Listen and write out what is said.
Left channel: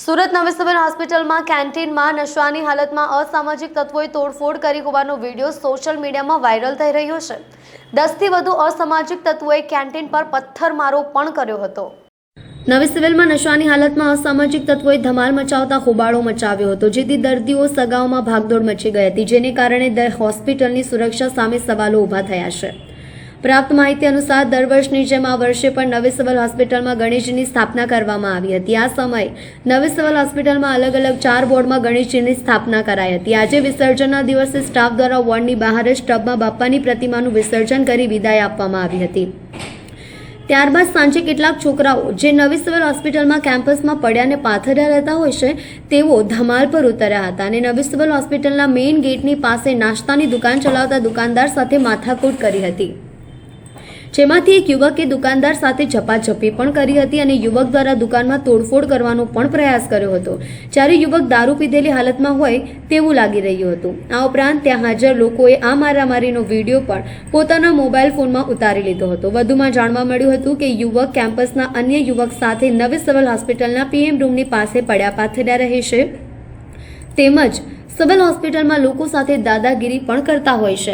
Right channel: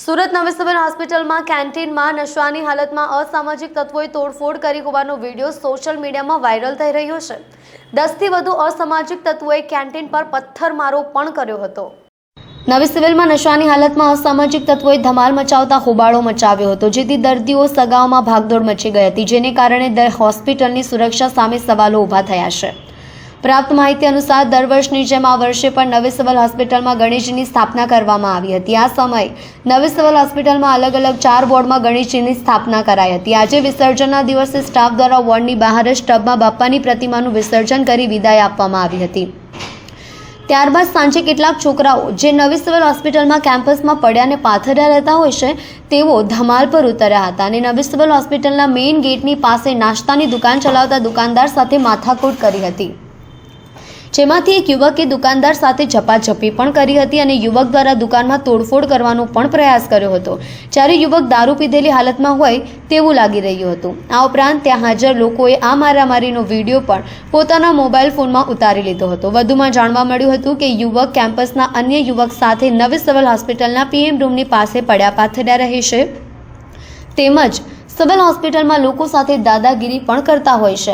સુરત નવી સિવિલ હોસ્પિટલમાં કેન્ટીનમાં નશાની હાલતમાં અસામાજિક તત્વોએ તોડફોડ કરી હોવાનો વીડિયો સોશિયલ મીડિયામાં વાયરલ થઈ રહ્યો છે. દસથી વધુ અસામાજિક તત્વોએ કેન્ટીન પર પથ્થરમારો પણ કર્યો હતો. નવી સિવિલમાં નશાની હાલતમાં અસામાજિક તત્વોએ ધમાલ મચાવતા હોબાળો મચાવ્યો હતો, જેથી દર્દીઓ સગાઓમાં ભાગદોડ મચી ગઈ હતી, જેને કારણે હોસ્પિટલની સુરક્ષા સામે સવાલો ઊભા થયા છે. પ્રાપ્ત માહિતી અનુસાર દર વર્ષની જેમ આ વર્ષે પણ નવી સિવિલ હોસ્પિટલમાં ગણેશજીની સ્થાપના કરવામાં આવી હતી. આ સમયે નવી સિવિલ હોસ્પિટલમાં અલગ અલગ ચાર વોર્ડમાં ગણેશજીની સ્થાપના કરાઈ હતી. આજે વિસર્જનના દિવસે સ્ટાફ દ્વારા વોર્ડની બહાર જ ટબમાં બાપાની પ્રતિમાનું વિસર્જન કરી વિદાય આપવામાં આવી હતી. ત્યારબાદ સાંજે કેટલાક છોકરાઓ જે નવી સિવિલ હોસ્પિટલમાં કેમ્પસમાં પડ્યાને પાથર્યા રહેતા હોય છે, તેઓ ધમાલ પર ઉતર્યા હતા અને નવી સિવિલ હોસ્પિટલના મેઇન ગેટની પાસે નાસ્તાની દુકાન ચલાવતા દુકાનદાર સાથે માથાકૂટ કરી હતી. જેમાંથી એક યુવકે દુકાનદાર સાથે ઝપાઝપી પણ કરી હતી અને યુવક દ્વારા દુકાનમાં તોડફોડ કરવાનો પણ પ્રયાસ કર્યો હતો. જ્યારે યુવક દારૂ પીધેલી હાલતમાં હોય તેવું લાગી રહ્યું હતું. આ ઉપરાંત ત્યાં હાજર લોકોએ આ મારામારીનો વીડિયો પણ પોતાના મોબાઈલ ફોનમાં ઉતારી લીધો હતો. વધુમાં જાણવા મળ્યું હતું કે યુવક કેમ્પસના અન્ય યુવક સાથે નવી સિવિલ હોસ્પિટલના પીએમ રૂમની પાસે પડ્યા પાથર્યા રહે છે તેમજ સિવિલ હોસ્પિટલમાં લોકો સાથે દાદાગીરી પણ કરતા હોય છે.